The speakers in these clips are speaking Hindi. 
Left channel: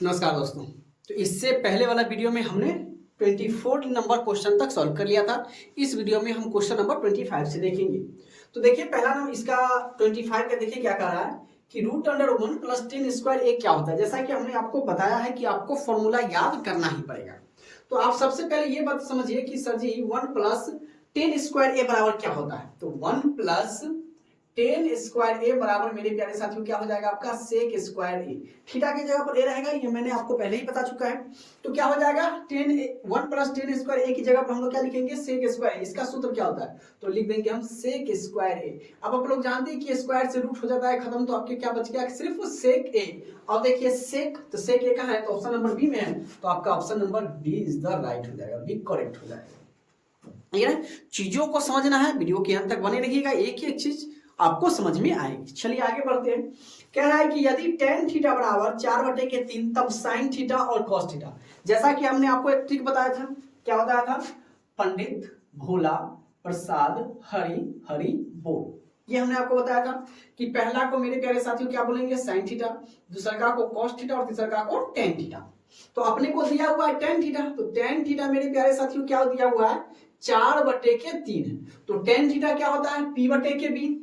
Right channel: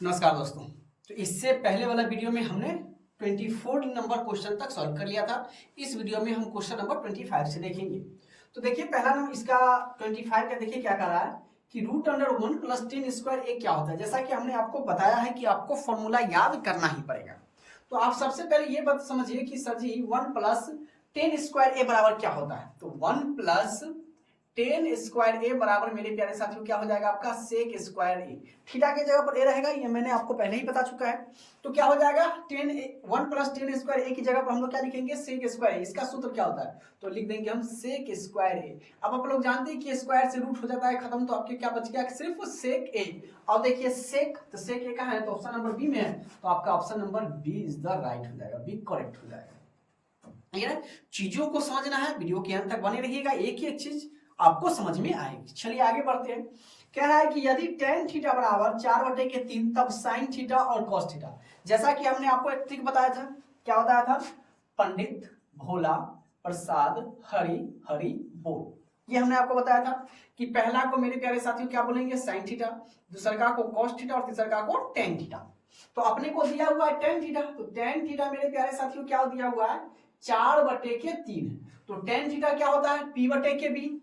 नमस्कार दोस्तों। तो इससे पहले वाला वीडियो में हमने 24 नंबर क्वेश्चन तक सॉल्व कर लिया था। इस वीडियो में हम क्वेश्चन नंबर 25 से देखेंगे। तो देखिए पहला नंबर इसका 25 का देखिए क्या कर रहा है कि रूट अंडर 1 प्लस 10 स्क्वायर ए क्या होता है। जैसा कि हमने आपको बताया है कि आपको फॉर्मूला याद करना ही पड़ेगा। तो आप सबसे पहले ये बात समझिए कि सर जी 1 प्लस 10 स्क्वायर ए बराबर क्या होता है। तो 1 प्लस 10 स्क्वायर ए बराबर मेरे प्यारे साथियों क्या हो जाएगा आपका सेक स्क्वायर ए। थीटा की जगह पर ए रहेगा, ये मैंने आपको पहले ही बता चुका है। तो क्या हो जाएगा 1 प्लस 10 स्क्वायर ए की जगह पर हम लोग क्या लिखेंगे सेक स्क्वायर ए। इसका सूत्र क्या होता है तो लिख देंगे हम सेक स्क्वायर ए। अब आप लोग जानते हैं कि स्क्वायर से रूट हो जाता है खत्म, तो आपके क्या बच गया सिर्फ सेक ए। अब देखिए सेक, तो सेक ए कहाँ है तो ऑप्शन नंबर बी में है, तो आपका option number B is the right हो जाएगा, बी करेक्ट हो जाएगा। ये चीजों को समझना है, वीडियो के अंत तक बने रहिएगा, एक एक चीज आपको समझ में आएगी। चलिए आगे बढ़ते हैं। कह रहा है कि यदि tan थीटा बराबर 4/3 तब sin थीटा और cos थीटा। जैसा कि हमने आपको एक ट्रिक बताया था, क्या बताया था, पंडित भोला प्रसाद हरि हरि बोल। ये हमने आपको बताया था कि पहला को मेरे प्यारे साथियों क्या बोलेंगे sin थीटा, दूसरा का को cos थीटा और तीसरा का को tan थीटा। तो अपने को दिया हुआ है tan थीटा, तो tan थीटा मेरे प्यारे साथियों क्या दिया हुआ है 4/3। तो tan थीटा क्या होता है P/B,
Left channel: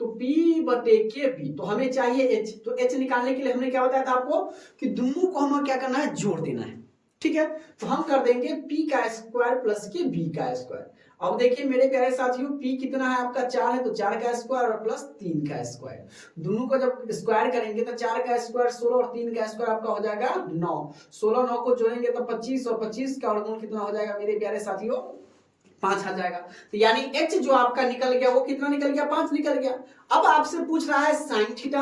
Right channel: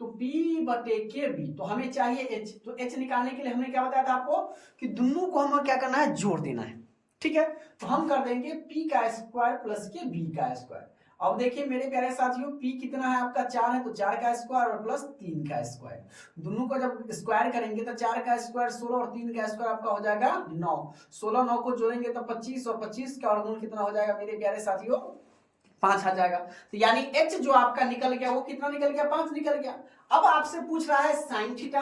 तो P/B, तो हमें चाहिए H। तो H निकालने के लिए हमने क्या बताया था आपको कि दोनों को हमें क्या करना है जोड़ देना है, ठीक है। तो हम कर देंगे P का स्क्वायर प्लस के B का स्क्वायर। अब देखिए मेरे प्यारे साथियों P कितना है आपका 4 है, तो 4 का स्क्वायर और प्लस 3 का स्क्वायर, दोनों को जब स्क्वायर करेंगे तो 4 का स्क्वायर 16 और 3 का स्क्वायर आपका हो जाएगा 9। 16 9 को जोड़ेंगे तो 25 और 25 का वर्गमूल कितना हो जाएगा मेरे प्यारे साथियों 5 आ जाएगा। तो यानी H जो आपका निकल गया वो कितना निकल गया 5 निकल गया। अब आपसे पूछ रहा है साइन थीटा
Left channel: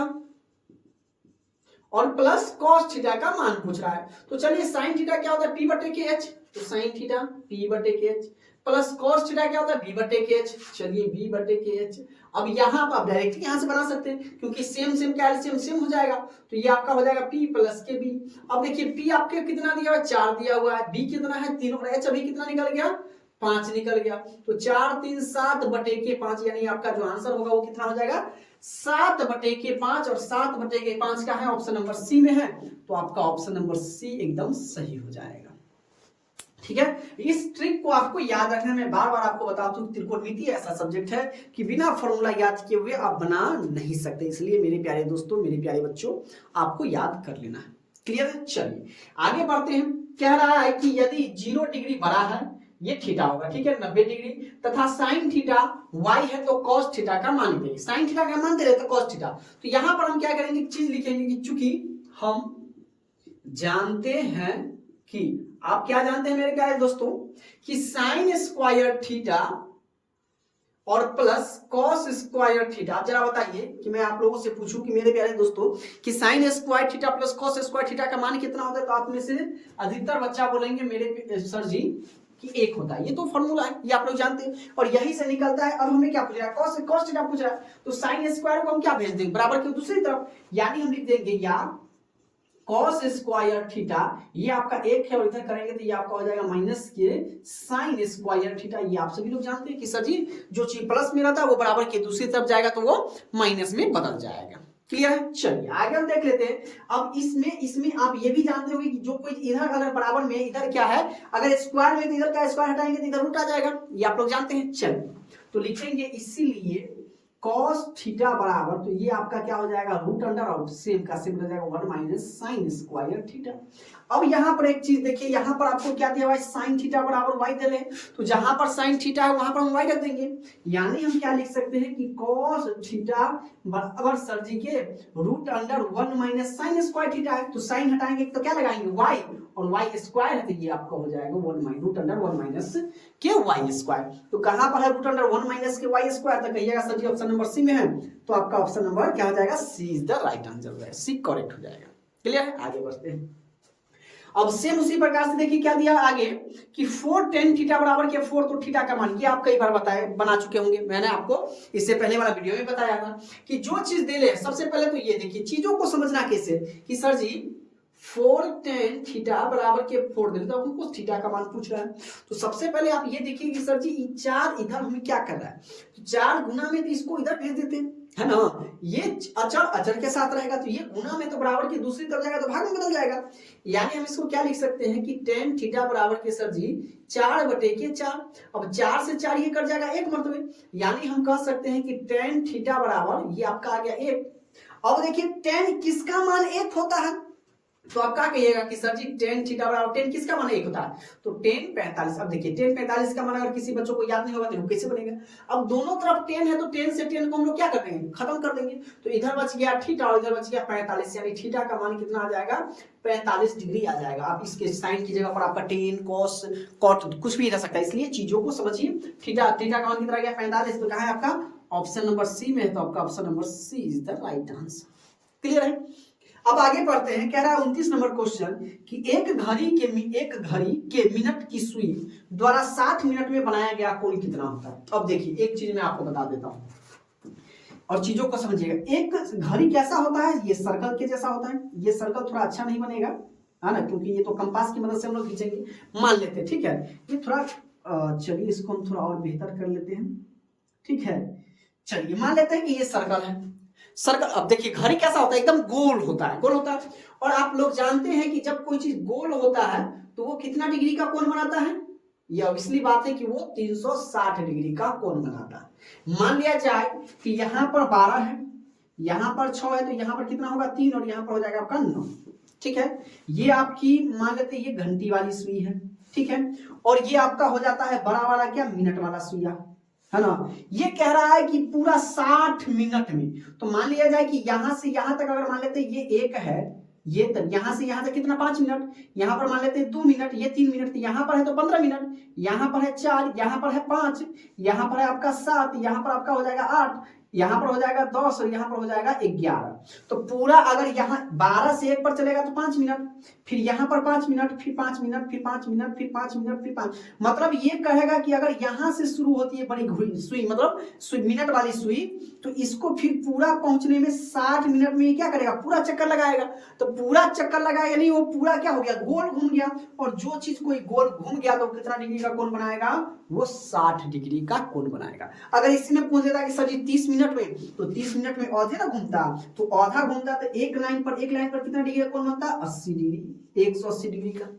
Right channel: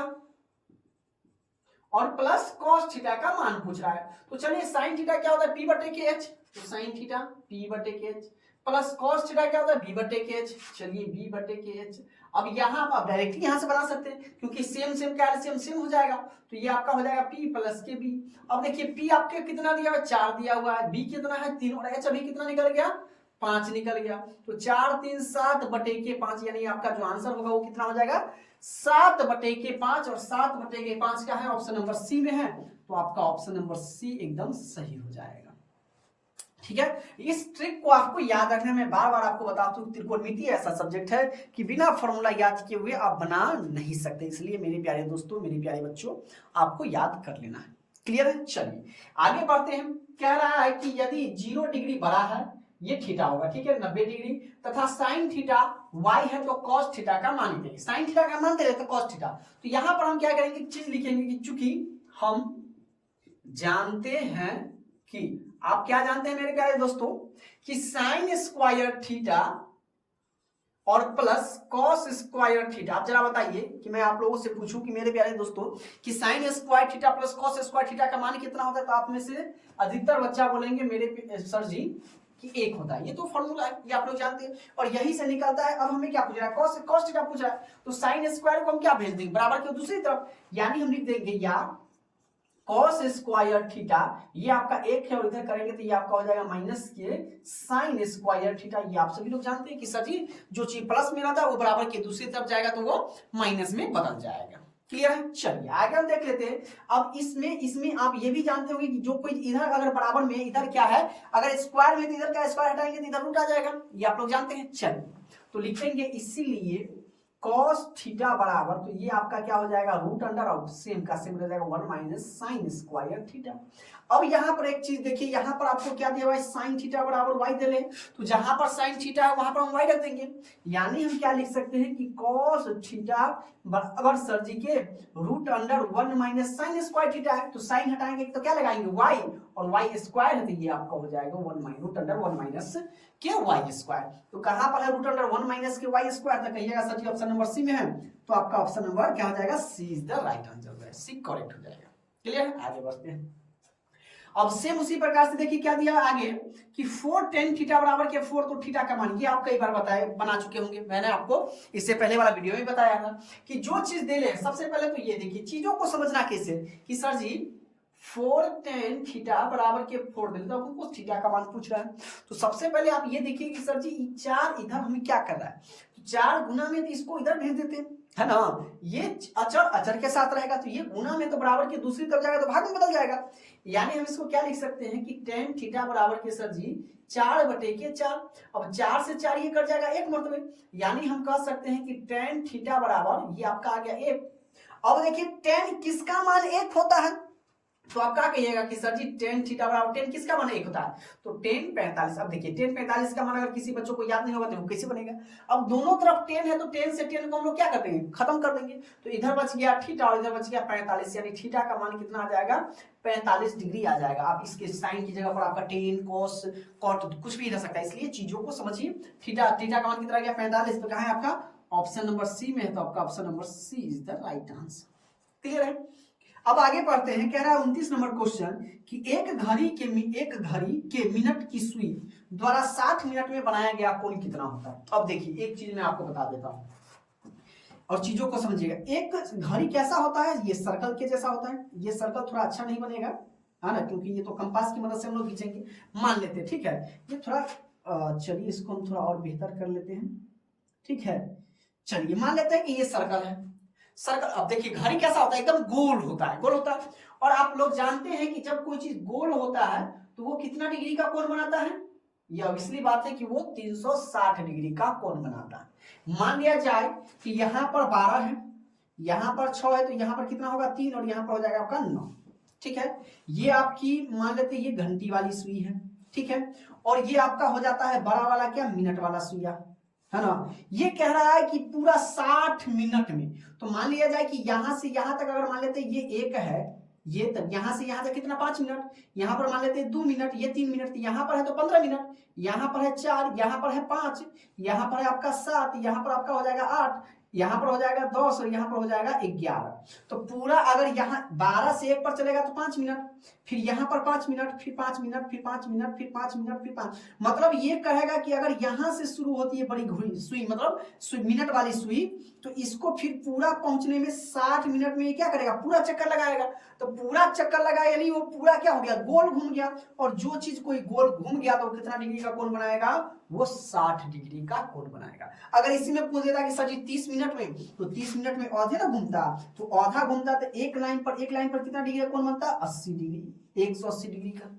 और प्लस कॉस थीटा का मान पूछ रहा है। तो चलिए साइन थीटा क्या होता है P/H, तो sine theta P/H plus cos theta क्या होता है B/H, चलिए B/H। अब यहां आप डायरेक्टली यहां से बना सकते हैं क्योंकि सेम सेम कैल्शियम सेम हो जाएगा, तो ये आपका हो जाएगा P प्लस के B। अब देखिए P आपके कितना दिया हुआ है 4 दिया हुआ है, B कितना है 3 और H अभी कितना निकल गया 5 निकल गया। तो 4 3 7/5, यानी आपका जो आंसर होगा वो कितना हो जाएगा 7/5 और 7/5 का है ऑप्शन नंबर सी में है, तो आपका ऑप्शन नंबर सी एकदम सही हो जाएगा, ठीक है। इस ट्रिक को आपको याद रखने में बार बार आपको बताता हूं, त्रिकोणमिति ऐसा सब्जेक्ट है कि बिना फॉर्मूला याद किए हुए आप बना नहीं सकते, इसलिए मेरे प्यारे दोस्तों मेरे प्यारे बच्चों आपको याद कर लेना है। क्लियर है, चलिए आगे बढ़ते हैं। कह रहा है कि यदि 0 डिग्री बड़ा है, ये थीटा होगा, ठीक है 90 डिग्री, तथा साइन थीटा y है तो cos थीटा का मान देंगे, साइन थीटा का मान दे रहे तो cos थीटा। तो यहां पर हम क्या करेंगे चीज लिखेंगे कि चूंकि हम जानते हैं कि आप क्या जानते हैं मेरे प्यारे दोस्तों कि साइन स्क्वायर थीटा और प्लस कॉस स्क्वायर थीटा। आप जरा बताइए कि मैं आप लोगों से पूछूं कि मेरे प्यारे दोस्तों कि sign square theta plus cos square theta का मान कितना होता है, तो आप में से अधिकतर बच्चा बोलेंगे मेरे सर जी कि 1 होता है। ये तो फॉर्मूला है, ये आप लोग जानते हैं और यही से निकलता है। अब हमें क्या पूछ रहा है कॉस थीटा पूछ रहा है, तो साइन स्क्वायर को हम क्या भेज देंगे बराबर के दूसरी तरफ, यानी हम लिख देंगे या कॉस स्क्वायर थीटा, ये आपका 1 है और इधर करेंगे तो ये आपका हो जाएगा माइनस के साइन स्क्वायर थीटा। ये आप सभी लोग जानते हैं कि सर जी जो चीज प्लस में रहता है वो बराबर के दूसरी तरफ जाएगा तो वो माइनस में बदल जाएगा। क्लियर है, चलिए आगे हम देख लेते हैं। अब इसमें आप ये भी जानते होंगे कि जो कोई इधर अगर बराबर में इधर क्या है, अगर स्क्वायर में तो इधर का स्क्वायर हटाएंगे तो इधर रूट आ जाएगा, ये आप लोग जानते हैं। चलिए तो लिखेंगे इसीलिए cos थीटा बराबर, तो ये आपका क्या हो जाएगा रूट अंडर आउट सेम का सेम हो जाएगा 1 माइनस साइन स्क्वायर थीटा। अब यहां पर एक चीज देखिए, यहां पर आपको क्या दिया हुआ है साइन थीटा बराबर y दे ले, तो जहां पर साइन थीटा है वहां पर हम y रख देंगे, यानी हम क्या लिख सकते हैं कि cos थीटा बराबर सर जी के root under 1 minus sine square theta है, तो साइन हटाएंगे तो क्या लगाएंगे y, और y स्क्वायर है तो ये आपका हो जाएगा 1 माइनस रूट अंडर 1 माइनस के y स्क्वायर। तो कहां पर है रूट अंडर 1 माइनस के y स्क्वायर, तो कहिएगा सर जी ऑप्शन नंबर सी में है, तो आपका ऑप्शन नंबर क्या हो जाएगा सी इज द राइट आंसर हो जाएगा, सी करेक्ट हो जाएगा। क्लियर है, आगे बढ़ते हैं। अब सेम उसी प्रकार से देखिए क्या दिया आगे कि 4 tan थीटा बराबर के 4, तो थीटा का मान ये आप कई बार बताए बना चुके होंगे, मैंने आपको इससे पहले वाला वीडियो में बताया था कि जो चीज दे ले सबसे पहले तो ये देखिए चीजों को समझना कैसे कि सर जी 4 tan थीटा बराबर के 4 दे तो हमको थीटा का मान पूछ रहा है। तो सबसे पहले आप ये देखिए कि सर जी 4 इधर हमें क्या कर रहा है, तो 4 गुना में तो इसको इधर भेज देते हैं, है ना, ये अचर अचर के साथ रहेगा तो ये गुना में तो बराबर की दूसरी तरफ जाएगा तो भाग में बदल जाएगा। यानी हम इसको क्या लिख सकते हैं कि टेन थीटा बराबर के सर जी 4/4। अब 4 से 4 ये कट जाएगा 1 मरतबे, यानी हम कह सकते हैं कि टेन थीटा बराबर ये आपका आ गया 1। अब देखिए टेन किसका मान 1 होता है, तो आप क्या कहिएगा कि सर जी टेन थीटा बराबर टेन किसका मान 1 होता है, तो टेन 45। अब देखिए टेन 45 का मान अगर किसी बच्चों को याद नहीं होगा तो वो कैसे बनेगा। अब दोनों तरफ 10 है तो 10 से 10 को हम लोग क्या कर देंगे, खत्म कर देंगे, तो इधर बच गया थीटा और इधर बच गया 45, यानी थीटा का मान कितना आ जाएगा 45 डिग्री आ जाएगा। आप इसके साइन की जगह पर आपका टेन कॉस कॉट कुछ भी रह सकता है, इसलिए चीजों को समझिए। थीटा थीटा का मान कितना आ गया 45, तो कहाँ है आपका ऑप्शन नंबर सी में है, तो आपका option number C is the right answer. Clear है। अब आगे बढ़ते हैं, कह रहा है 29 नंबर क्वेश्चन कि एक घड़ी के मिनट की सुई द्वारा 60 मिनट में बनाया गया कोण कितना होता है। अब देखिए एक चीज मैं आपको बता देता हूं और चीजों को समझिएगा। एक घड़ी कैसा होता है, ये सर्कल के जैसा होता है। ये सर्कल थोड़ा अच्छा नहीं बनेगा है ना, क्योंकि ये तो कंपास की मदद से हम लोग खींचेंगे, मान लेते हैं, ठीक है। ये थोड़ा चलिए इसको हम थोड़ा और बेहतर कर लेते हैं, ठीक है। चलिए मान लेते हैं कि ये सर्कल है, सर्कल। अब देखिए घड़ी कैसा होता है, एकदम गोल होता है, गोल होता है। और आप लोग जानते हैं कि जब कोई चीज गोल होता है तो वो कितना डिग्री का कोण बनाता है, ये ऑब्वियसली बात है कि वो 360 डिग्री का कोण बनाता है। मान लिया जाए कि यहाँ पर 12 है, यहाँ पर 6 है, तो यहाँ पर कितना होगा 3 और यहाँ पर हो जाएगा आपका 9, ठीक है। ये आपकी मान लेते हैं ये घंटी वाली सुई है, ठीक है। और ये आपका हो जाता है बड़ा वाला क्या मिनट वाला सुइया, है ना। ये कह रहा है कि पूरा 60 मिनट में, तो मान लिया जाए कि यहां से यहां तक अगर मान लेते हैं ये 1 है, ये तक यहां से यहां तक कितना 5 मिनट, यहां पर मान लेते हैं 2 मिनट, ये 3 मिनट, यहां पर है तो 15 मिनट, यहां पर है 4, यहां पर है 5, यहां पर है आपका 7, यहां पर आपका हो जाएगा 8, यहां पर हो जाएगा 10 और यहां पर हो जाएगा 11। तो पूरा अगर यहाँ 12 से 1 पर चलेगा तो 5 मिनट, फिर यहाँ पर 5 मिनट, फिर 5 मिनट, फिर 5 मिनट, फिर 5 मिनट, फिर 5, मतलब ये कहेगा कि अगर यहां से शुरू होती है बड़ी सुई, मतलब मिनट वाली सुई, तो इसको फिर पूरा पहुंचने में 60 मिनट में ये क्या करेगा, पूरा चक्कर लगाएगा। तो पूरा चक्कर लगाया यानी वो पूरा क्या हो गया, गोल घूम गया। और जो चीज कोई गोल घूम गया तो कितना डिग्री का कोण बनाएगा, वो 60 डिग्री का कोण बनाएगा। अगर इसी में पूछ देता कि सर जी 30 मिनट में, तो 30 मिनट में आधे ना घूमता, तो आधा घूमता तो एक लाइन पर कितना डिग्री का कोण बनता, 80 डिग्री, 180 डिग्री का।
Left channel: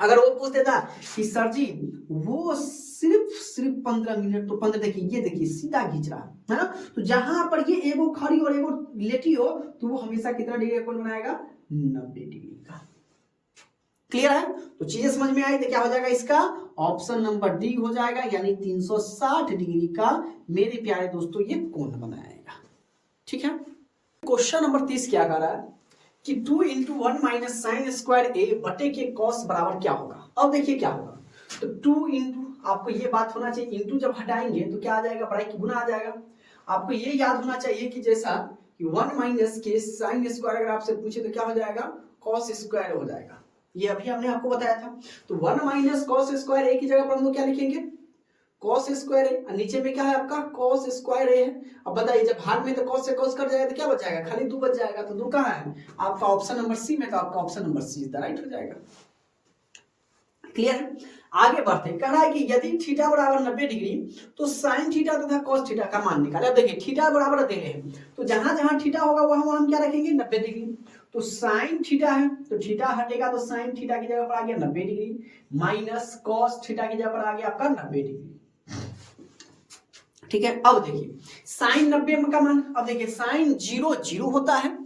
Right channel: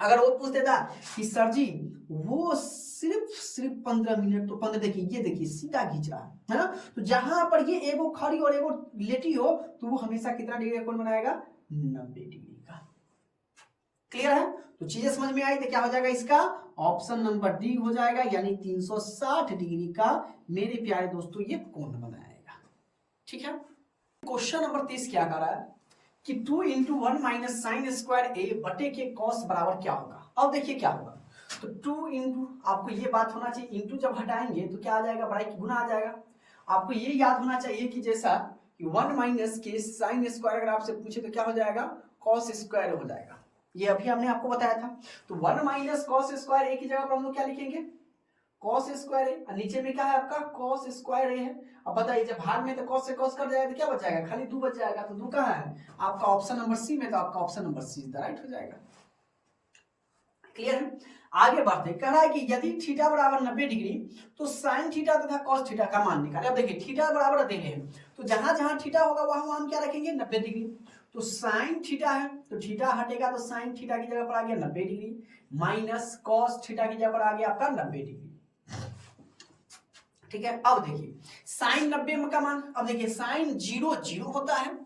अगर वो पूछ देता कि सर जी वो सिर्फ 15 मिनट, तो 15 देखिए, ये देखिए सीधा खींच रहा है ना, तो जहां पर ये एगो खड़ी और एगो लेटी हो तो वो हमेशा कितना डिग्री का कोण बनाएगा, 90 डिग्री का। क्लियर है। तो चीजें समझ में आई तो क्या हो जाएगा, इसका ऑप्शन नंबर डी हो जाएगा, यानी 360 डिग्री का मेरे प्यारे दोस्तों ये कोण बनाएगा, ठीक है। क्वेश्चन नंबर 30 क्या कह रहा है कि 2 × 1 - sin² a बटे के cos बराबर क्या होगा। अब देखिए क्या होगा, तो 2 इंटू, आपको ये बात होना चाहिए, इंटू जब हटाएंगे तो क्या आ जाएगा, बड़ा की गुना आ जाएगा। आपको ये याद होना चाहिए कि जैसा कि 1 - के sin² अगर आपसे पूछे तो क्या हो जाएगा, cos² हो जाएगा। ये अभी हमने आपको बताया था। तो 1 - cos² a की जगह पर हम लोग क्या लिखेंगे, cos² a, नीचे में क्या है आपका cos² a है। अब बताइए जब भाग में तो cos से cos कट जाएगा तो क्या बच जाएगा, खाली 2 बच जाएगा। तो 2 कहाँ है, आपका ऑप्शन नंबर सी में, तो आपका option number C is the right हो जाएगा। क्लियर है। आगे बढ़ते हैं, कह रहा है कि यदि थीटा बराबर 90 डिग्री तो साइन थीटा तथा कॉस थीटा का मान निकाले। अब देखिए थीटा बराबर दे रहे हैं, तो जहां जहां थीटा होगा वहां हम क्या रखेंगे, 90 डिग्री। तो साइन थीटा है तो थीटा हटेगा, तो साइन थीटा की जगह पर आ गया 90 डिग्री, माइनस कॉस थीटा की जगह पर आ गया आपका 90 डिग्री, ठीक है। अब देखिए साइन 90 का मान, अब देखिए साइन 0 0 होता है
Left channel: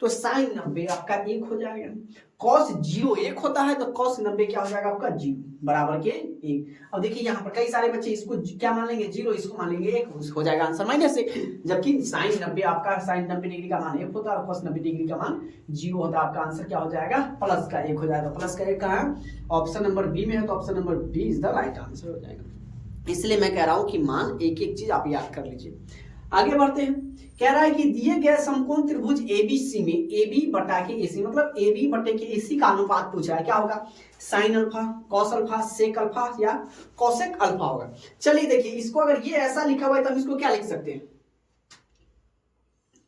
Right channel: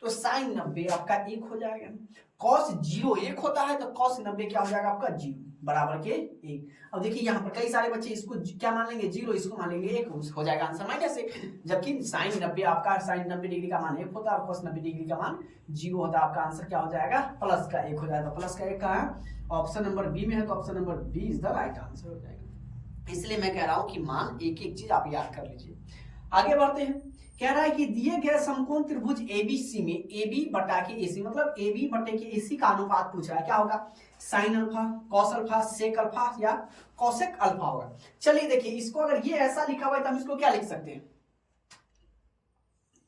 तो साइन 90 आपका 1 हो जाएगा। कॉस 0 1 होता है तो कॉस 90 क्या हो जाएगा आपका 0 बराबर के 1। अब देखिए यहाँ पर कई सारे बच्चे इसको क्या मान लेंगे, 0, इसको मान लेंगे 1, हो जाएगा आंसर -1। जबकि साइन 90 आपका साइन 90 डिग्री का मान 1 होता है और कॉस 90 डिग्री का मान 0 होता है। आपका आंसर क्या हो जाएगा, प्लस का 1 हो जाएगा। प्लस का 1 कहाँ, ऑप्शन नंबर बी में है, तो option number B is the right answer हो जाएगा। इसलिए मैं कह रहा हूं कि मान एक एक चीज आप याद कर लीजिए। आगे बढ़ते हैं, कह रहा है कि दिए गए समकोण त्रिभुज एबीसी में AB बटा के AC, मतलब AB बटे के AC का अनुपात पूछ रहा है, क्या होगा, sine alpha, cos alpha, sec alpha या कॉसेक अल्फा होगा। चलिए देखिए इसको अगर ये ऐसा लिखा हुआ है तो हम इसको क्या लिख सकते हैं,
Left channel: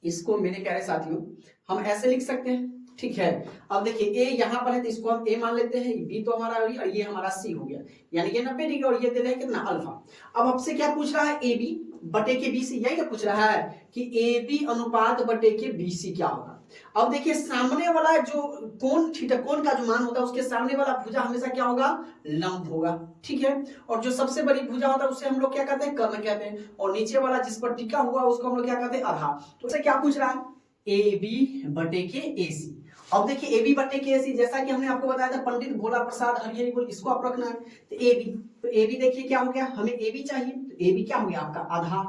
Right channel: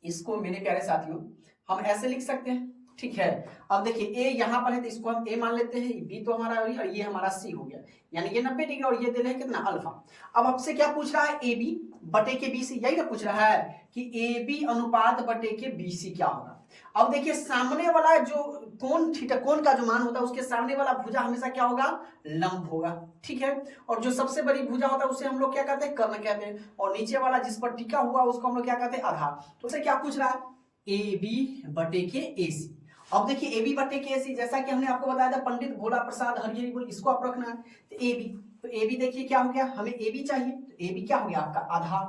इसको मेरे प्यारे साथियों हम ऐसे लिख सकते हैं, ठीक है। अब देखिए A यहाँ पर है तो इसको हम A मान लेते हैं, B तो हमारा और ये हमारा C हो गया, यानी ये 90 डिग्री और ये दे रहे हैं कितना अल्फा। अब आपसे क्या पूछ रहा है AB, बटे के बी सी, यही ना पूछ रहा है कि ए बी अनुपात बटे के बी सी क्या होगा। अब देखिए सामने वाला जो कोण थीटा, कोण का जो मान होता है उसके सामने वाला भुजा हमेशा क्या होगा, लंब होगा, ठीक है। और जो सबसे बड़ी भुजा होता है उसे हम लोग क्या कहते हैं, कर्ण कहते हैं। और नीचे वाला जिस पर टिका हुआ उसको हम लोग क्या कहते हैं, आधार। तो उसे क्या पूछ रहा है, ए बी बटे के ए सी। अब देखिए ए बी बटे के ए सी, जैसा कि हमने आपको बताया था पंडित भोला प्रसाद हरिहरी बोल, इसको आप रखना है। तो ए बी, तो ए बी देखिए क्या हो गया, हमें ए बी चाहिए, तो ए बी क्या हो गया आपका आधार,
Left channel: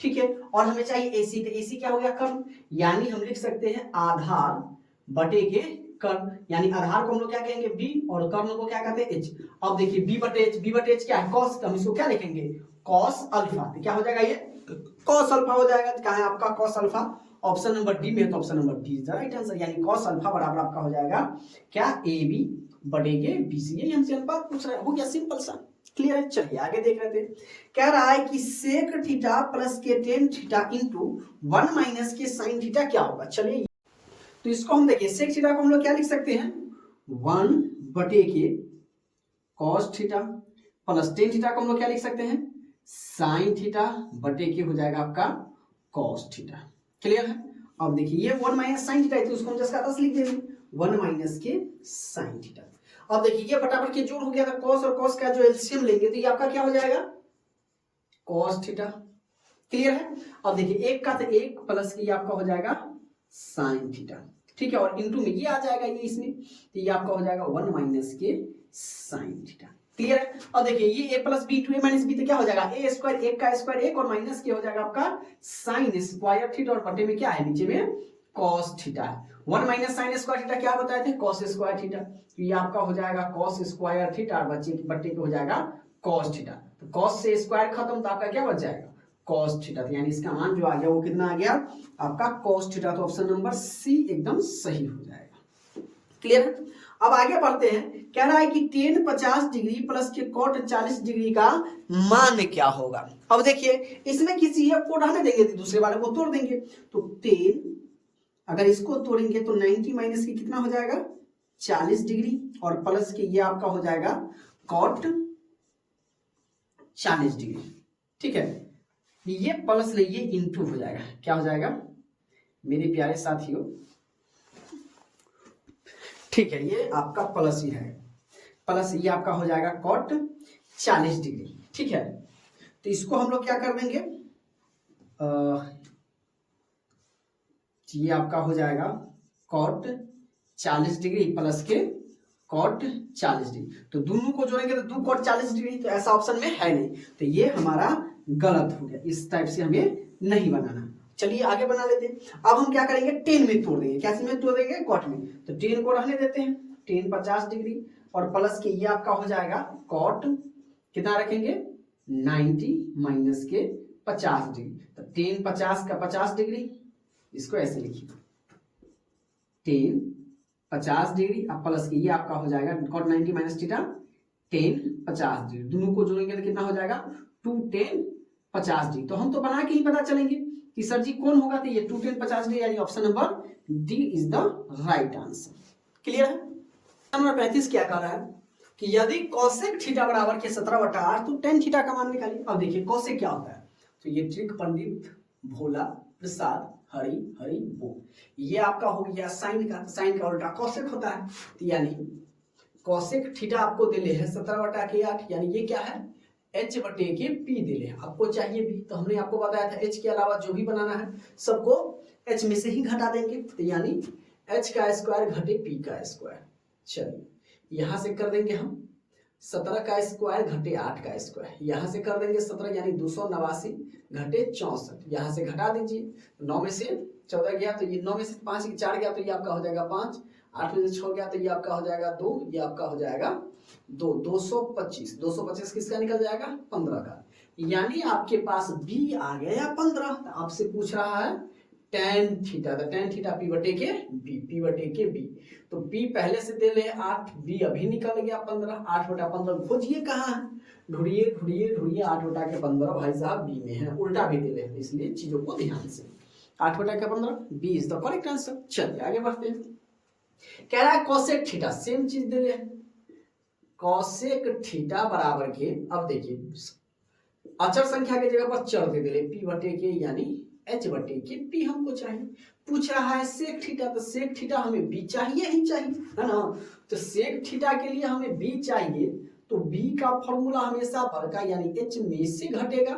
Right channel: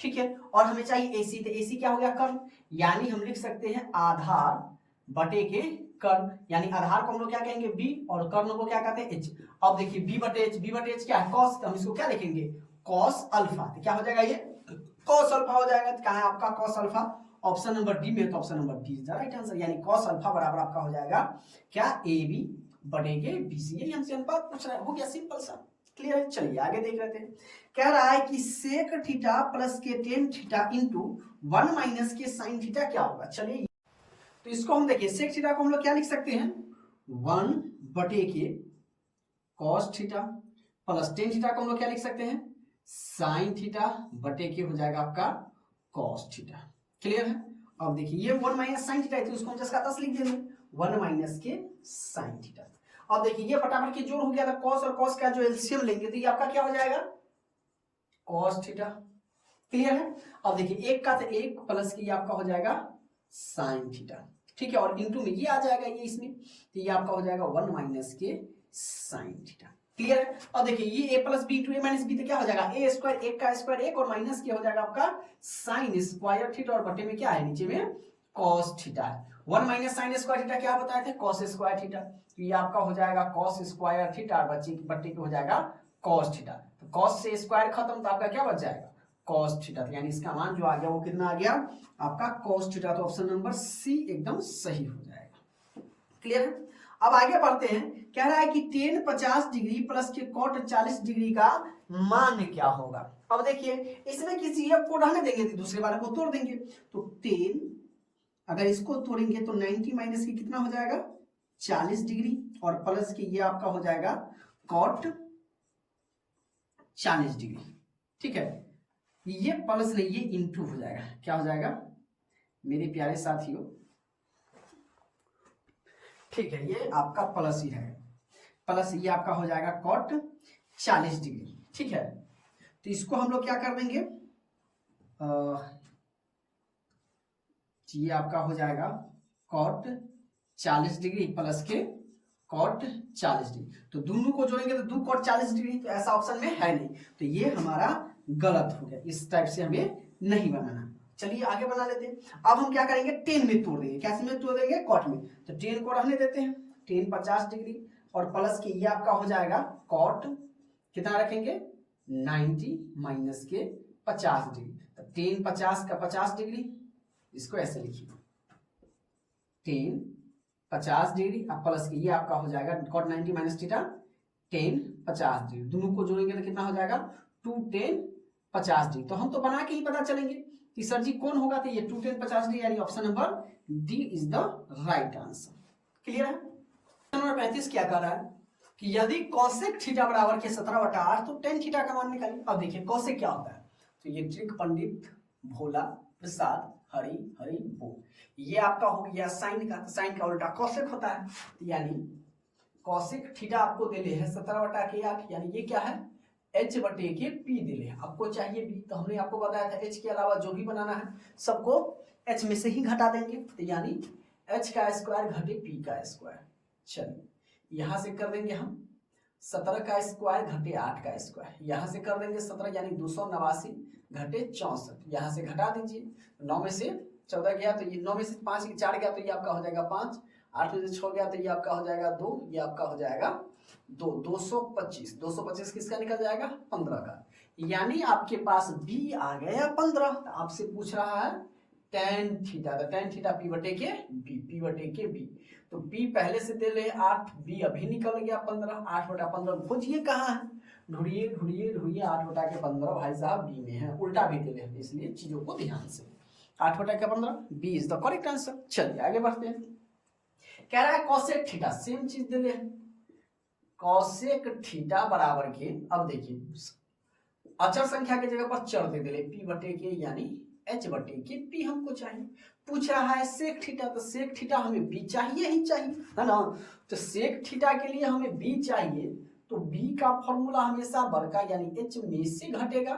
ठीक है। और हमें चाहिए एसी, तो एसी क्या हो गया, कर्ण। यानी हम लिख सकते हैं आधार बटे के कर्ण, यानी आधार को हम लोग क्या कहेंगे बी और कर्ण को क्या कहते हैं एच। अब देखिए बी बटे एच, बी बटे एच क्या है कॉस, तो हम इसको क्या लिखेंगे कॉस अल्फा। तो क्या हो जाएगा ये कॉस अल्फा हो जाएगा। तो क्या है आपका cos alpha, option number D में, तो option number D is the right answer. यानी कॉस अल्फा बराबर आपका हो जाएगा क्या, ए बी बटे के बी सी। यही हमसे अनुपात पूछ रहा है, हो गया सिंपल सा, क्लियर है। चलिए आगे देख रहे थे, कह रहा है कि सेक थीटा प्लस के टेन थीटा इंटू 1 माइनस के साइन थीटा क्या होगा। चलिए तो इसको हम देखिए, सेक थीटा को हम लोग क्या लिख सकते हैं, 1 बटे के cos theta plus tan theta को हम लोग क्या लिख सकते हैं, साइन थीटा बटे के हो जाएगा आपका कॉस थीटा, क्लियर है। अब देखिए ये 1 माइनस साइन थीटा है तो उसको हम जस्ट का 10 लिख देंगे, 1 माइनस के साइन थीटा। अब देखिए ये बटाबर के जोड़ हो गया था, कॉस और कॉस का जो एलसीएम लेंगे तो ये आपका क्या हो जाएगा कॉस थीटा, क्लियर है। अब देखिए एक का तो एक प्लस के ये आपका हो जाएगा साइन थीटा, ठीक है। और इंटू में ये आ जाएगा ये इसमें, तो ये आपका हो जाएगा 1 माइनस के साइन थीटा, क्लियर है। अब देखिए ये a plus B two A minus B, तो क्या हो जाएगा ए स्क्वायर, एक का स्क्वायर एक और माइनस के हो जाएगा आपका साइन स्क्वायर थीटा, और बटे में क्या है नीचे में कॉस थीटा है। 1 माइनस साइन स्क्वायर थीटा क्या बताए थे, कॉस स्क्वायर थीटा। तो ये आपका हो जाएगा कॉस स्क्वायर थीटा, और बट्टे पे हो जाएगा कॉस थीटा। तो कॉस से स्क्वायर खत्म, तो आपका क्या बच जाएगा कॉस थीटा। यानी इसका मान जो आ गया वो कितना आ गया आपका कॉस थीटा। तो ऑप्शन नंबर सी एकदम सही हो जाएगा, क्लियर है। अब आगे बढ़ते हैं, कह रहा है कि टेन 50 डिग्री प्लस के कॉट 40 डिग्री का मान क्या होगा। अब देखिए इसमें किसी एक को रहने देंगे तो दूसरे वाले को तोड़ देंगे। तो टेन अगर इसको तोड़ेंगे तो 90 माइनस की कितना हो जाएगा 40 डिग्री, और प्लस के ये आपका हो जाएगा कॉट 40 डिग्री, ठीक है। ये प्लस नहीं ये इंटू हो जाएगा, क्या हो जाएगा मेरे प्यारे साथियों, ठीक है। ये आपका प्लस ही है, प्लस ये आपका हो जाएगा कॉट 40 डिग्री, ठीक है। तो इसको हम लोग क्या कर देंगे, ये आपका हो जाएगा कॉट 40 डिग्री प्लस के कॉट 40 डिग्री। तो दोनों को जोड़ेंगे तो 2 कॉट 40 डिग्री, तो ऐसा ऑप्शन में है नहीं, तो ये हमारा गलत हो गया। इस टाइप से हमें नहीं बनाना। चलिए आगे बना लेते हैं। अब हम क्या करेंगे 10 में तोड़ देंगे, कैसे में तोड़ देंगे कॉट में। तो 10 को रहने देते हैं, 10 50 डिग्री और प्लस के ये आपका हो जाएगा कॉट कितना रखेंगे 90 माइनस के 50 डिग्री। तो 10 50 का 50 डिग्री, इसको ऐसे लिखिए 10 50 डिग्री अब प्लस के ये आपका हो जाएगा कॉट 90 माइनस थीटा 10 50 डिग्री। दोनों को जोड़ेंगे तो कितना हो जाएगा 2 10 50 डिग्री। तो हम तो बना के ही पता चलेंगे कि सर जी कौन होगा, तो ये 2 10 50 डिग्री, यानी option number D is the right answer, clear है। नंबर 35 क्या कह रहा है कि यदि कॉसेक थीटा बराबर के 17/8 तो टेन थीटा का मान निकालिए। अब देखिए कॉसेक क्या होता है, तो ये ट्रिक पंडित भोला प्रसाद हरि हरि बोल, ये आपका हो गया साइन का, साइन का उल्टा कॉसेक होता है। तो यानी कॉसेक थीटा आपको दिले है 17/8, यानी ये क्या है h बटे के p दिले है, आपको चाहिए b। तो हमने आपको बताया था h के अलावा जो भी बनाना है सबको h में से ही घटा देंगे, तो यानी h का स्क्वायर घटे p का स्क्वायर। चलिए यहां से कर देंगे हम 17 का स्क्वायर घटे 8 का स्क्वायर, यहाँ से कर देंगे 17 यानी 289 घटे 64, यहाँ से घटा दीजिए 9 में से 14 गया तो ये 9 में से 5 4 गया तो ये आपका हो जाएगा 5, 8 में से 6 गया तो ये आपका हो जाएगा 2, ये आपका हो जाएगा 2, 225, 225 किसका निकल जाएगा 15 का, यानी आपके पास b आ गया 15। तो आपसे पूछ रहा है टेन थीटा, तो टेन थीटा p बटे के b, p बटे के b। तो p पहले से दे ले 8, b अभी निकल गया 15, 8/15 खोजिए कहाँ है, ढूंढिए ढूंढिए ढूंढिए 8/15 भाई साहब b में है, उल्टा भी दे ले, इसलिए चीजों को ध्यान से 8/15 b is the correct answer. चलिए आगे बढ़ते हैं, कह रहा है कॉसेक थीटा सेम चीज दे ले, कॉसेक थीटा बराबर के, अब देखिए अचर संख्या के जगह पर चर दे दे पी बटे के यानी एच बटे के पी हमको चाहिए। पूछ रहा है सेक थीटा, तो सेक थीटा हमें बी चाहिए ही चाहिए, है ना। तो सेक थीटा के लिए हमें बी चाहिए, तो बी का फॉर्मूला हमेशा वर्ग का यानी एच में से घटेगा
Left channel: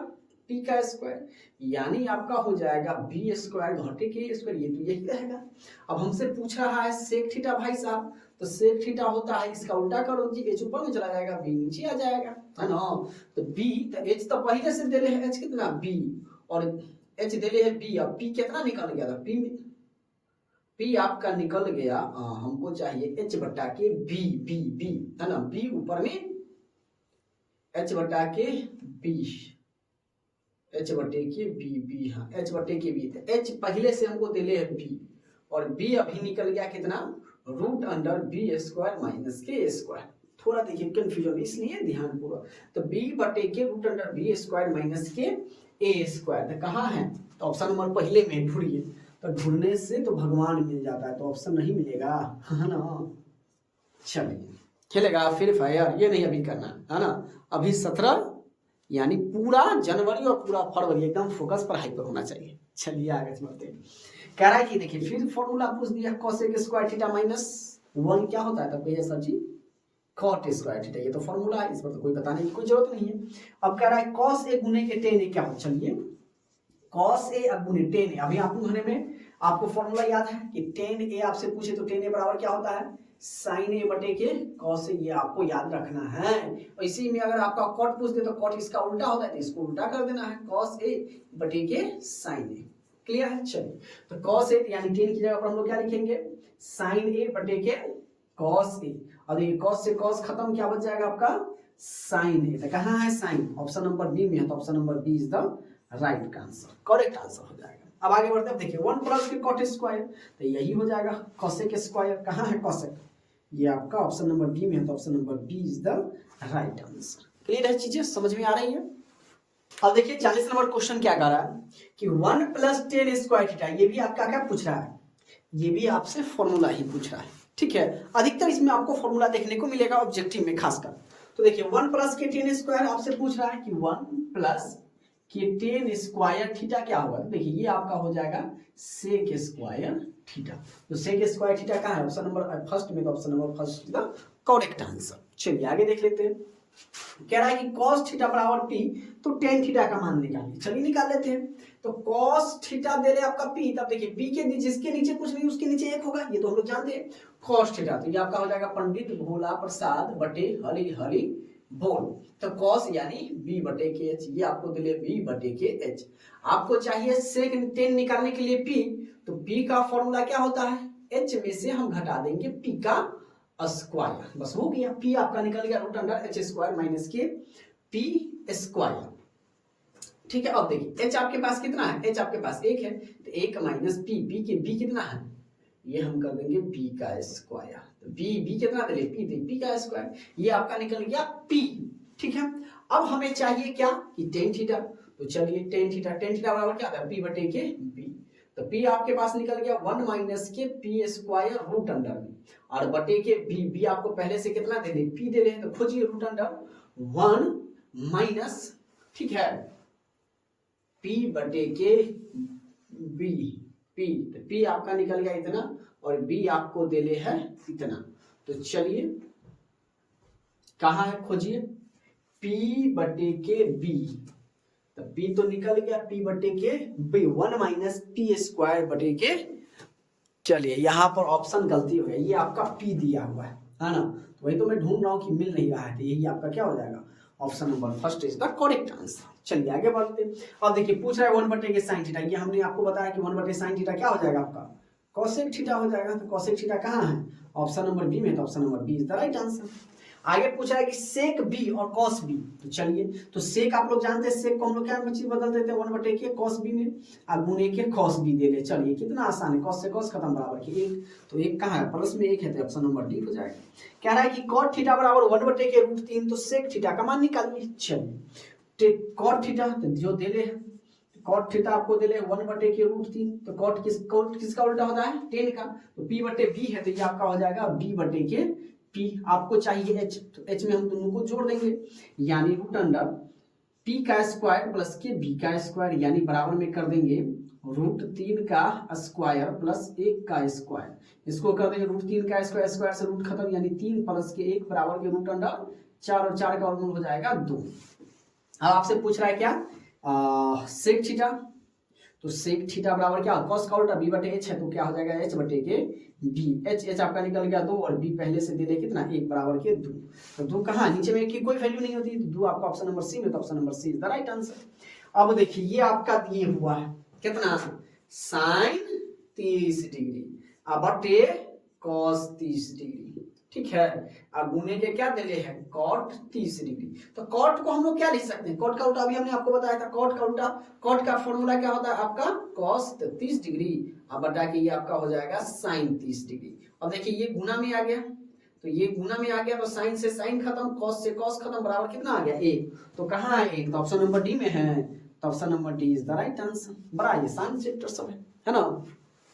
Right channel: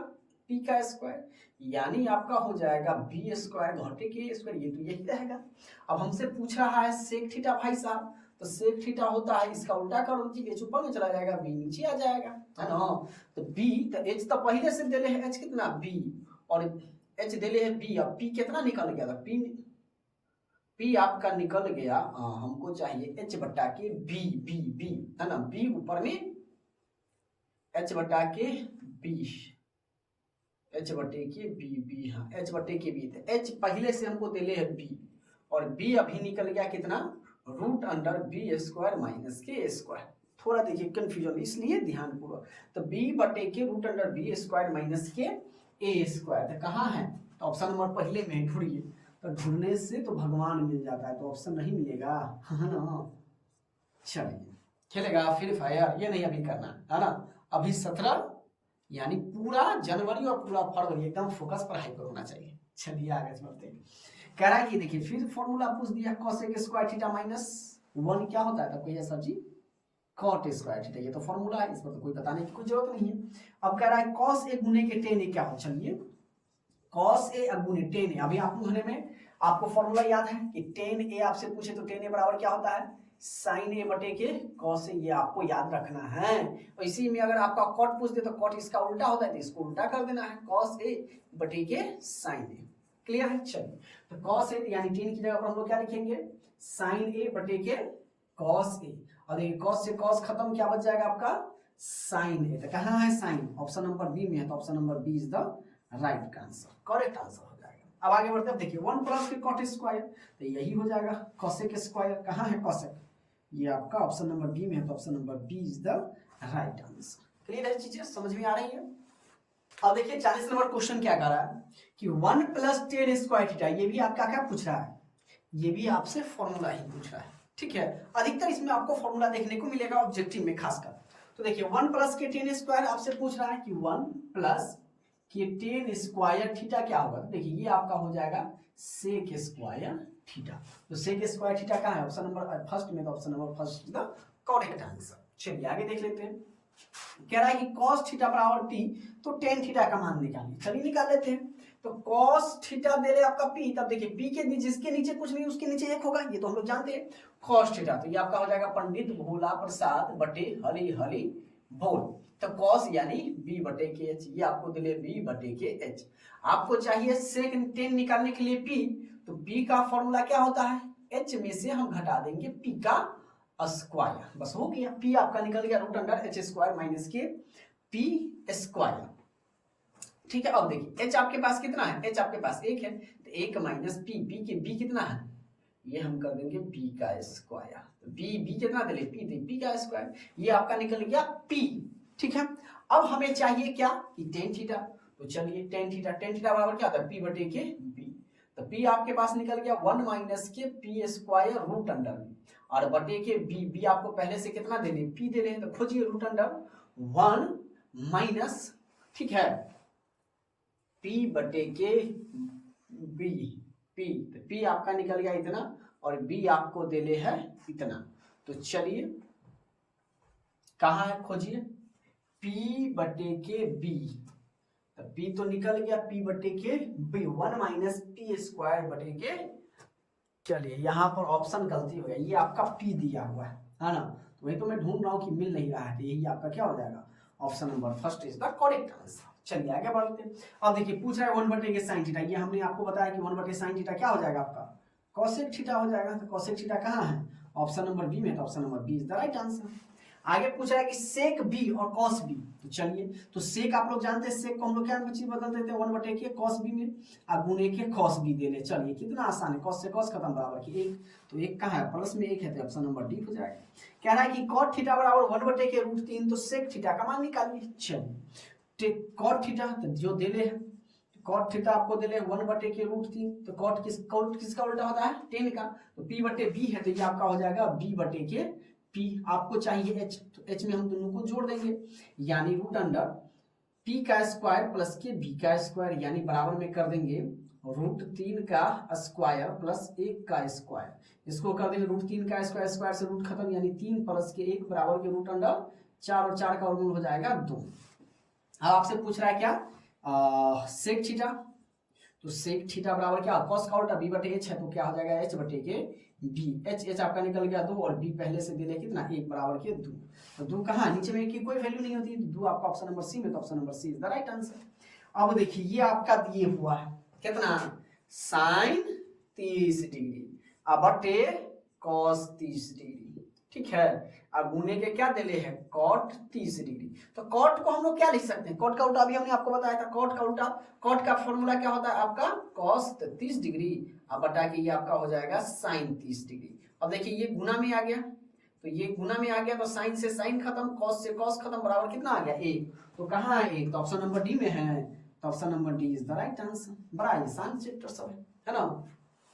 पी का स्क्वायर, यानी आपका हो जाएगा बी स्क्वायर घटे के स्क्वायर, ये तो यही रहेगा। अब हमसे पूछ रहा है सेक थीटा भाई साहब, तो सेक थीटा होता है इसका उल्टा करो जी, एच ऊपर में चला जाएगा बी नीचे आ जाएगा, है ना। तो बी तो एच तो पहले से दे है एच कितना बी, और एच दे है बी, अब पी कितना निकल गया था पी आपका निकल गया, हमको चाहिए एच बटा के बी बी बी, है ना। बी ऊपर में एच बटा के बी, एच बटे के बी बी, हाँ एच बटे के बी, एच पहले से हमको दे है बी, और बी अभी निकल गया कितना root under B square minus K square. थोड़ा देखिए कंफ्यूजन इसलिए ध्यान पूर्वक, तो बी बटे K root under B square minus K A square, तो कहाँ है, तो ऑप्शन नंबर पहले में ढूंढिए, तो ढूंढने से तो भगवान मिल जाता है, तो ऑप्शन नहीं मिलेगा, है ना। चलिए खेलेगा फ्री फायर, ये नहीं अभी करना है ना, अभी 17 यानी पूरा जनवरी और पूरा फरवरी एकदम फोकस पढ़ाई पर होना चाहिए। चलिए आगे चलते हैं। कह रहा है कि देखिए फिर फॉर्मूला पूछ दिया कोसेक स्क्वायर थीटा माइनस 1 क्या होता है, तब कहिए सर जी कॉट स्क्वायर थीटा, ये तो फॉर्मूला है, इस पर तो कोई बताने की कोई जरूरत नहीं है। अब कह रहा है कॉस ए गुने के टेन ए क्या हो, चलिए कॉस ए गुने टेन ए, अभी आपको होने में आपको फॉर्मूला याद है कि टेन ए आपसे पूछे तो टेन ए बराबर क्या होता है साइन ए बटे के कॉस ए, ये आपको याद रखना है। और इसी में अगर आपका कॉट पूछ दे तो कॉट इसका उल्टा होता है, तो इसको उल्टा कर देना है कॉस ए बटे के साइन ए, क्लियर है। चलिए तो कॉस ए यानी टेन की जगह पर हम लोग क्या लिखेंगे साइन ए बटे के कॉस ए, और देखिए कॉस से कॉस खत्म, क्या बच जाएगा आपका साइन ए, तो कहाँ है साइन, ऑप्शन नंबर बी में है, तो option number B is the right answer, correct answer हो जाएगा। अब आगे बढ़ते हैं, देखिए 1 प्लस के कॉट स्क्वायर, तो यही हो जाएगा कोसेक स्क्वायर, कहाँ है कोसेक, ये आपका ऑप्शन नंबर बी में है, तो option number B is the right answer. Clear है, चीजें समझ में आ रही है। अब देखिए 40 नंबर क्वेश्चन क्या कह रहा है कि 1 प्लस 10 स्क्वायर थीटा, ये भी आपका क्या पूछ रहा है, ये भी आपसे फॉर्मूला ही पूछ रहा है, ठीक है। अधिकतर इसमें आपको फॉर्मूला देखने को मिलेगा ऑब्जेक्टिव में खासकर। तो देखिए 1 प्लस के 10 स्क्वायर आपसे पूछ रहा है कि 1 प्लस के 10 स्क्वायर थीटा क्या होगा, तो देखिए ये आपका हो जाएगा सेक स्क्वायर थीटा, तो सेक स्क्वायर थीटा कहाँ है ऑप्शन नंबर फर्स्ट में, तो option number first the correct answer. चलिए आगे देख लेते हैं। कह रहा है कि cos थीटा बराबर p, तो tan थीटा का मान निकालिए, चलिए निकाल लेते हैं। तो cos थीटा दे रहे आपका p, तब देखिए p के जिसके नीचे कुछ नहीं उसके नीचे 1 होगा, ये तो हम लोग जानते हैं। cos थीटा तो ये आपका हो जाएगा पंडित भोला प्रसाद बटे हरि हरि बोल, तो cos यानी b बटे के h, ये आपको दिले b बटे के h। आपको चाहिए sec tan निकालने के लिए p, तो p का फॉर्मूला क्या होता है h में से हम घटा देंगे p का स्क्वायर, बस हो गया, p आपका निकल गया root under h square minus K p square, ठीक है। अब देखिए h आपके पास कितना है, h आपके पास 1 है, तो 1 माइनस p कितना है, ये हम कर देंगे b का स्क्वायर, तो b कितना दे p का स्क्वायर, ये आपका निकल गया p, ठीक है। अब हमें चाहिए क्या कि tan थीटा, तो चलिए tan थीटा बराबर क्या होता है p बटे के b, तो p आपके पास निकल गया 1 minus K p square root under में, और बटे के b आपको पहले से कितना दे दे p दे रहे हैं, तो खोजिए रूट अंडर 1 माइनस, ठीक है p बटे के b, तो p आपका निकल गया इतना और b आपको दे ले है इतना, तो चलिए कहाँ है खोजिए p बटे के b, तो p तो निकल गया p बटे के b, 1 माइनस p स्क्वायर बटे के, चलिए यहाँ पर ऑप्शन गलती हो गई, ये आपका p दिया हुआ है ना, तो वही तो मैं ढूंढ रहा हूँ कि मिल नहीं रहा है, तो यही आपका क्या हो जाएगा option number first is the correct answer. चलिए आगे बढ़ते हैं। अब देखिए पूछ रहा है 1 बटे के साइन थीटा, ये हमने आपको बताया कि 1 बटे साइन थीटा क्या हो जाएगा आपका कोसेक थीटा हो जाएगा, तो कोसेक थीटा कहाँ है ऑप्शन नंबर बी में, तो option number B is the right answer. आगे पूछा है कि सेक बी और कॉस बी, तो चलिए तो सेक आप लोग जानते हैं, सेक को हम लोग क्या चीज बदल देते हैं 1 बटे के कॉस बी में, और गुने के कॉस बी दे ले, चलिए कितना आसान है, कॉस से कॉस खत्म बराबर के 1, तो 1 कहाँ है प्लस में 1 है, तो ऑप्शन नंबर डी हो जाएगा। कह रहा है कि कॉट थीटा बराबर 1 बटे के रूट 3, तो सेक थीटा का मान निकालिए। चलिए कॉट थीटा जो दे ले है, कॉट थीटा आपको दे ले 1 बटे के रूट 3, तो कॉट किसका उल्टा होता है टेन का, तो p बटे b है, तो ये आपका हो जाएगा b बटे के p, आपको चाहिए h, तो h में हम दोनों को जोड़ देंगे, यानी रूट अंडर पी का स्क्वायर प्लस के बी का स्क्वायर, यानी बराबर में कर देंगे √3 का स्क्वायर प्लस 1 का स्क्वायर। इसको कर देंगे √3 का स्क्वायर, स्क्वायर से रूट खत्म, यानी 3 प्लस के 1 बराबर के √4 और 4 का वर्गमूल हो जाएगा 2। अब आपसे पूछ रहा है क्या सेक थीटा, तो सेक थीटा बराबर क्या कॉस का उल्टा b बटे h है, तो क्या हो जाएगा h बटे के b। h आपका निकल गया 2 और b पहले से दे दे कितना 1 बराबर के 2। तो 2 कहाँ नीचे में की कोई वैल्यू नहीं होती, 2 आपका ऑप्शन नंबर सी में, तो option number C is the right answer. अब देखिए ये आपका दिए हुआ है कितना साइन 30 डिग्री बटे कॉस 30 डिग्री, ठीक है। अब गुने के क्या दिले है कॉट 30 डिग्री। तो कॉट को हम लोग क्या लिख सकते हैं, कॉट का उल्टा अभी हमने आपको बताया था, कॉट का उल्टा, कॉट का फॉर्मूला क्या होता है आपका कॉस 30 डिग्री, अब बटा के ये आपका हो जाएगा साइन 30 डिग्री। अब देखिए ये गुना में आ गया, तो ये गुना में आ गया, तो साइन से साइन खत्म, कॉस से कॉस खत्म, बराबर कितना आ गया 1। तो कहाँ है 1, तो ऑप्शन नंबर डी में है, तो option number D is the right answer. बड़ा आसान चैप्टर सब है ना।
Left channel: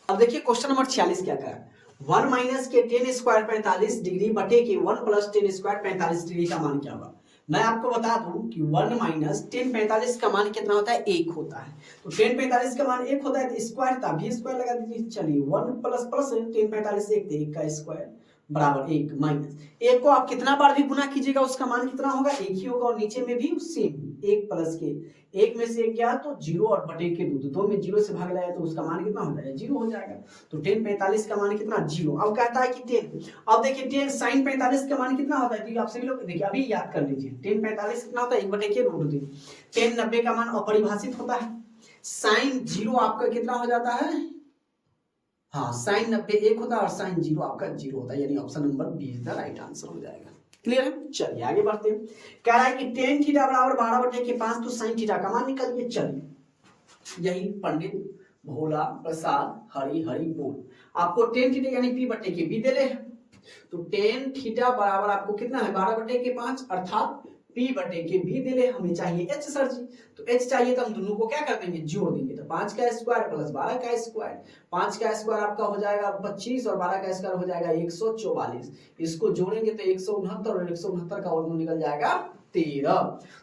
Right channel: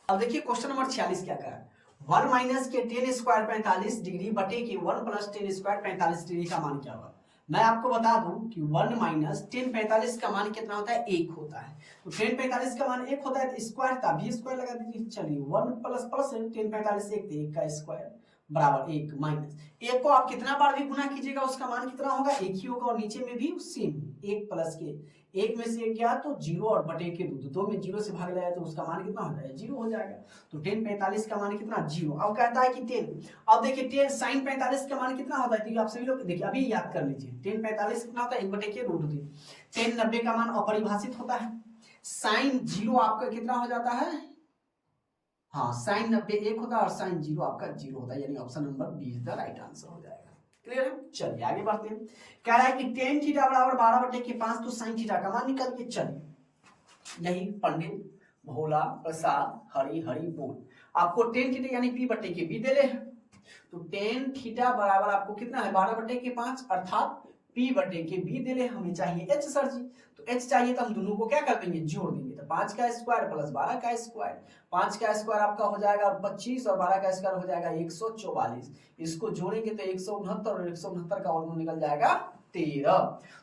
अब देखिए क्वेश्चन नंबर 46 क्या कहा, 1 माइनस के 10 स्क्वायर 45 डिग्री बटे के 1 प्लस 10 स्क्वायर 45 डिग्री का मान क्या होगा। मैं आपको बता दूं कि 1 माइनस 10 45 का मान कितना होता है 1 होता है, तो 10 45 का मान 1 होता है, तो स्क्वायर था भी स्क्वायर लगा दीजिए। चलिए 1 प्लस प्लस 10 45 1 का स्क्वायर बराबर 1 माइनस 1 को आप कितना बार भी गुना कीजिएगा उसका मान कितना होगा 1 ही होगा, और नीचे में भी सेम 1 प्लस के 1 में से 1 गया तो 0 और बटे के 2 में 0 से भाग लगाया तो उसका मान कितना हो जाएगा 0 हो जाएगा। तो 10 45 का मान कितना 0। अब कहता है कि 10, अब देखिए 10 साइन 45 का मान कितना होता है, तो आप सभी लोग देखिए अभी याद कर लीजिए 10 45 कितना होता है 1 बटे के √2। 10 90 का मान अपरिभाषित होता है, साइन 0 आपका कितना हो जाता है, हाँ साइन 90 1 होता है और साइन 0 आपका 0 होता है, यानी option number B is the right answer हो जाएगा। क्लियर है, चलिए आगे बढ़ते हैं। कह रहा है कि tan थीटा बराबर 12 बटे के 5, तो साइन थीटा का मान निकल के, चलिए यही पंडित भोला प्रसाद हरि हरि बोल, आपको tan थीटा यानी p बटे के b देले है, तो tan थीटा बराबर आपको कितना है 12 बटे के 5 अर्थात p बटे के b देले, हमें चाहिए h सर जी, तो h चाहिए तो हम दोनों को क्या कर देंगे जोड़ देंगे, तो 5 का स्क्वायर प्लस 12 का स्क्वायर, 5 का स्क्वायर आपका हो जाएगा 25 और 12 का स्क्वायर हो जाएगा 144, इसको जोड़ेंगे तो 169 और 169 का वर्गमूल निकल जाएगा 13।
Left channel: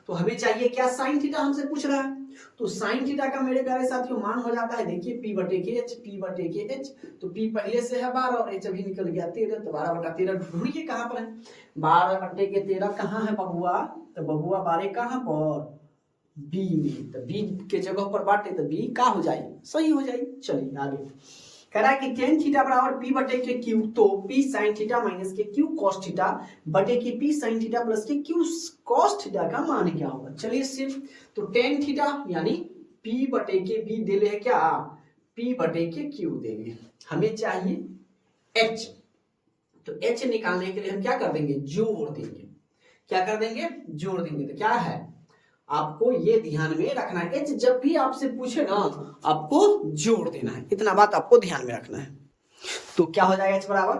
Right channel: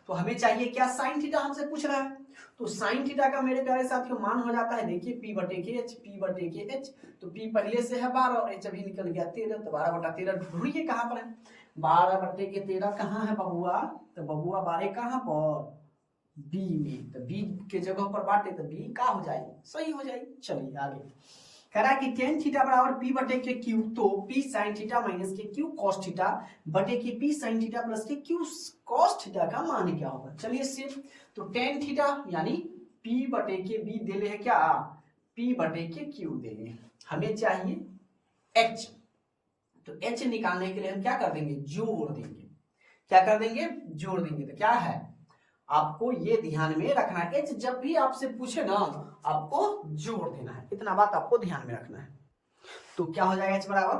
तो हमें चाहिए क्या साइन थीटा हमसे पूछ रहा है, तो साइन थीटा का मेरे प्यारे साथियों मान हो जाता है देखिए p बटे के h, p बटे के h, तो p पहले से है 12 और h अभी निकल गया 13, तो 12 बटा 13 ढूंढिए कहाँ पर है, 12 बटे के 13 कहाँ है बबुआ, तो बबुआ 12 कहाँ पर b में, तो b के जगह पर बांटे तो b का हो जाएगी सही हो जाएगी। चलिए आगे कह रहा है कि tan थीटा बराबर p बटे के q, तो p sin थीटा माइनस के q cos थीटा बटे के p sin थीटा प्लस के q cos थीटा का मान क्या होगा। चलिए सिर्फ तो tan थीटा यानी p बटे के b देले है क्या p बटे के q देले, हमें चाहिए h, तो h निकालने के लिए हम क्या कर देंगे जोड़ देंगे, क्या कर देंगे जोड़ देंगे, तो क्या है आपको ये ध्यान में रखना है, h जब भी आपसे पूछे ना आपको जोड़ देना है, इतना बात आपको ध्यान में रखना है। तो क्या हो जाएगा h बराबर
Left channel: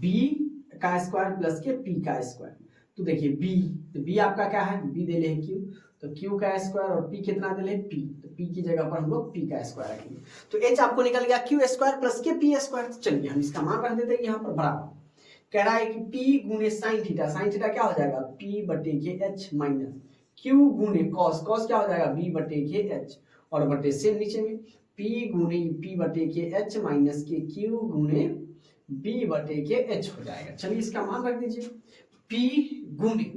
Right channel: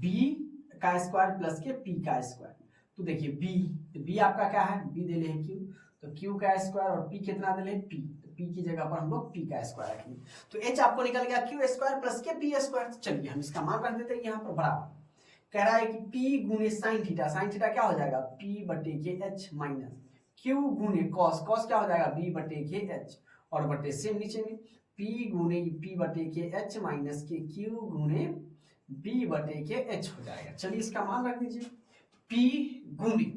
b का स्क्वायर प्लस के p का स्क्वायर, तो देखिए b, तो b आपका क्या है b दे ले है q, तो q का स्क्वायर और p कितना दे ले p, तो p की जगह पर हम लोग p का स्क्वायर रखेंगे, तो h आपको निकल गया q square plus K p square. चलिए हम इसका मान रख देते हैं यहाँ पर बराबर, कह रहा है कि p गुने साइन थीटा, साइन थीटा क्या हो जाएगा p बटे के h माइनस q गुने कॉस, कॉस क्या हो जाएगा b बटे के h और बटे से नीचे में p गुने p बटे के h माइनस के q गुने b बटे के h हो जाएगा। चलिए इसका मान रख दीजिए p गुने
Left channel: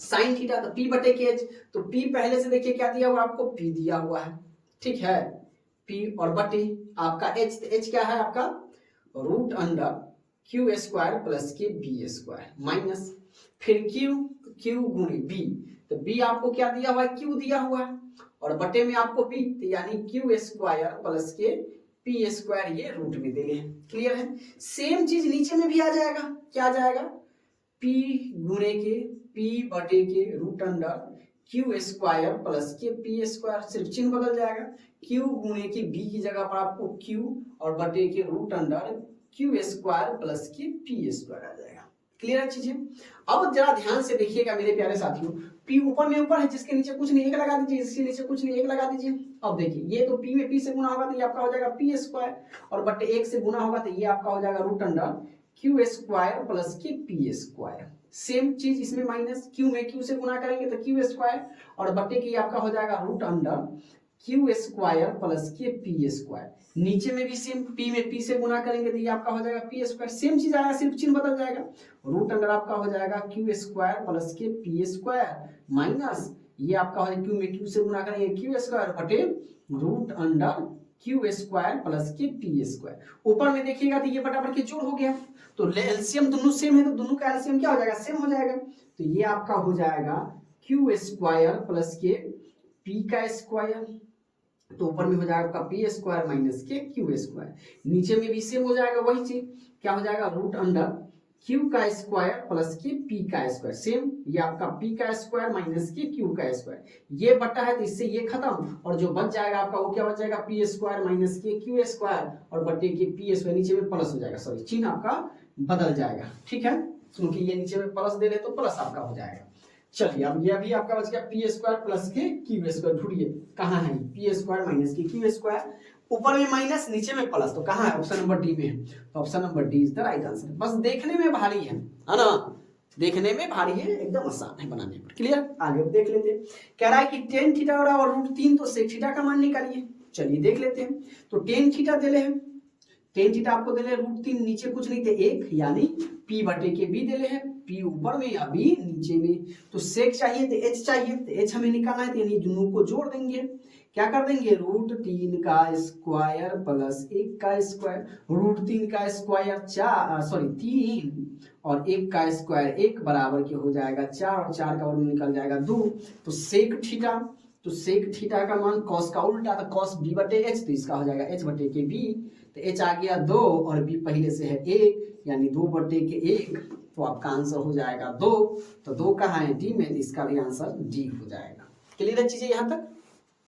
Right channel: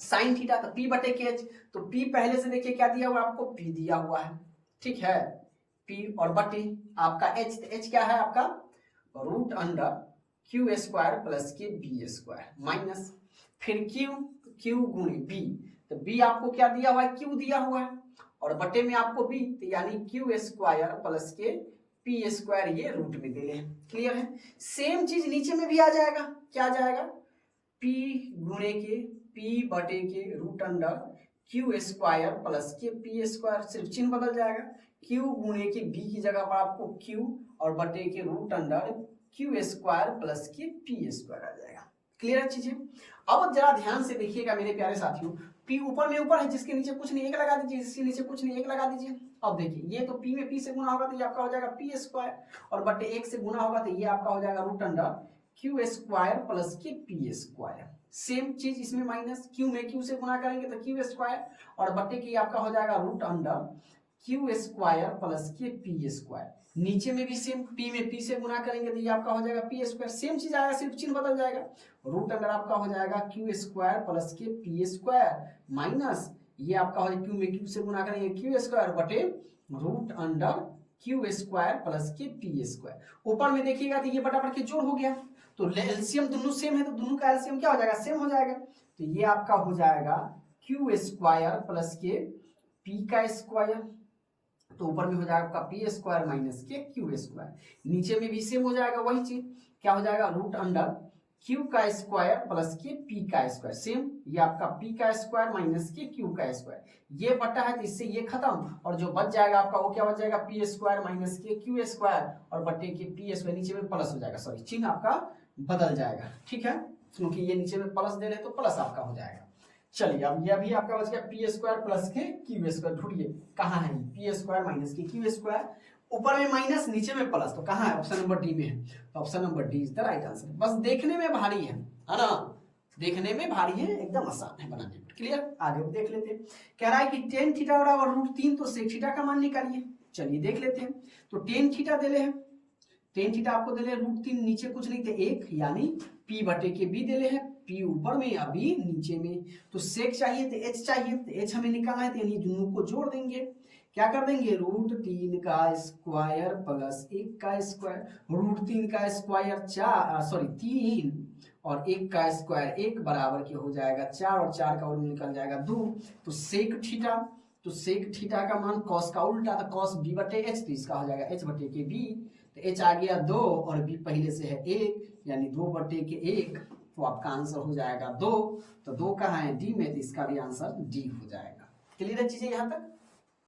साइन थीटा, तो p बटे के h, तो p पहले से देखिए क्या दिया हुआ आपको p दिया हुआ है, ठीक है, p और बटे आपका h, तो h क्या है आपका root under q square plus K b square minus फिर q गुने b, तो b आपको क्या दिया हुआ है q दिया हुआ है और बटे में आपको b, तो यानी q square plus K p square ये रूट में दे ले। क्लियर है, सेम चीज नीचे में भी आ जाएगा, क्या आ जाएगा p गुने के p बटे K root under q square plus K p square, सिर्फ चिन्ह बदल जाएगा, q गुने के b की जगह पर आपको q और बटे K root under q square plus K p square आ जाएगा। क्लियर है चीजें, अब जरा ध्यान से देखिएगा मेरे प्यारे साथियों, p ऊपर में ऊपर है जिसके नीचे कुछ नहीं 1 लगा दीजिए, इसके नीचे कुछ नहीं 1 लगा दीजिए। अब देखिए ये तो p में p से गुना होगा तो ये आपका हो जाएगा p स्क्वायर और बटे 1 से गुना होगा तो ये आपका हो जाएगा root under Q square plus K P square. Same चीज इसमें माइनस, क्यू में क्यू से गुना करेंगे तो क्यू स्क्वायर और बटे की आपका हो जाएगा root under Q square plus K P square. नीचे में भी सेम, पी में पी से गुना करेंगे तो ये आपका हो जाएगा पी स्क्वायर। सेम चीज आएगा, सिर्फ चिन्ह बदल जाएगा। रूट अंडर आपका हो जाएगा Q square plus K P square minus ये आपका हो जाएगा क्यू में क्यू से गुना करेंगे क्यू स्क्वायर बटे root under Q square plus K P square. ऊपर में देखिएगा तो ये बटा के जोड़ हो गया, तो एलसीएम दोनों सेम है तो दोनों का एलसीएम क्या हो जाएगा, सेम हो जाएगा। तो ये आपका हो जाएगा Q square plus K P का स्क्वायर, तो ऊपर में हो जाएगा आपका पी स्क्वायर माइनस के क्यू स्क्वायर। नीचे में भी सेम हो जाएगा वही चीज, क्या हो जाएगा रूट अंडर क्यू का स्क्वायर प्लस के पी का स्क्वायर। सेम ये आपका पी का स्क्वायर माइनस के क्यू का स्क्वायर। ये बटा है तो इससे ये खत्म और जो बच जाएगा आपका वो क्या बच जाएगा पी स्क्वायर माइनस के क्यू स्क्वायर और बटे के पी स्क्वायर। नीचे में प्लस हो जाएगा, सॉरी चिन्ह आपका बदल जाएगा, ठीक है, क्योंकि ये नीचे में प्लस दे रहे तो प्लस आपका हो जाएगा। चलिए अब ये भी आपका बच गया पी स्क्वायर प्लस के क्यू स्क्वायर। ढूंढिए कहाँ है पी स्क्वायर माइनस के क्यू स्क्वायर, ऊपर में माइनस नीचे में प्लस, तो कहाँ है, ऑप्शन नंबर डी में है। तो option number D is the right answer. बस देखने में भारी है ना, देखने में भारी है, एकदम आसान है बनाने पर। क्लियर, आगे देख लेते हैं। कह रहा है कि टेन थीटा बराबर रूट 3, तो सेक थीटा का मान निकालिए। चलिए देख लेते हैं। तो टेन थीटा दे रहे हैं, टेन थीटा आपको दे रहे हैं रूट 3, नीचे कुछ नहीं थे 1 यानी पी बटे के बी दे रहे हैं, पी ऊपर में या बी नीचे में। तो सेक चाहिए तो एच चाहिए, तो एच हमें निकालना है तो यानी दोनों को जोड़ देंगे। क्या कर देंगे रूट 3 का स्क्वायर प्लस 1 का स्क्वायर। रूट 3 का स्क्वायर 3 और 1 का स्क्वायर 1 बराबर के हो जाएगा 4 और 4 का वर्ग निकल जाएगा 2। तो सेक थीटा, तो सेक थीटा का मान कॉस का उल्टा था कॉस बी बटे एच, तो इसका हो जाएगा एच बटे के बी। तो एच आ गया 2 और बी पहले से है 1 यानी 2 बटे के 1, तो आपका आंसर हो जाएगा 2। तो 2 कहाँ है डी में, तो इसका भी आंसर डी हो जाएगा। क्लियर है चीजें यहाँ तक।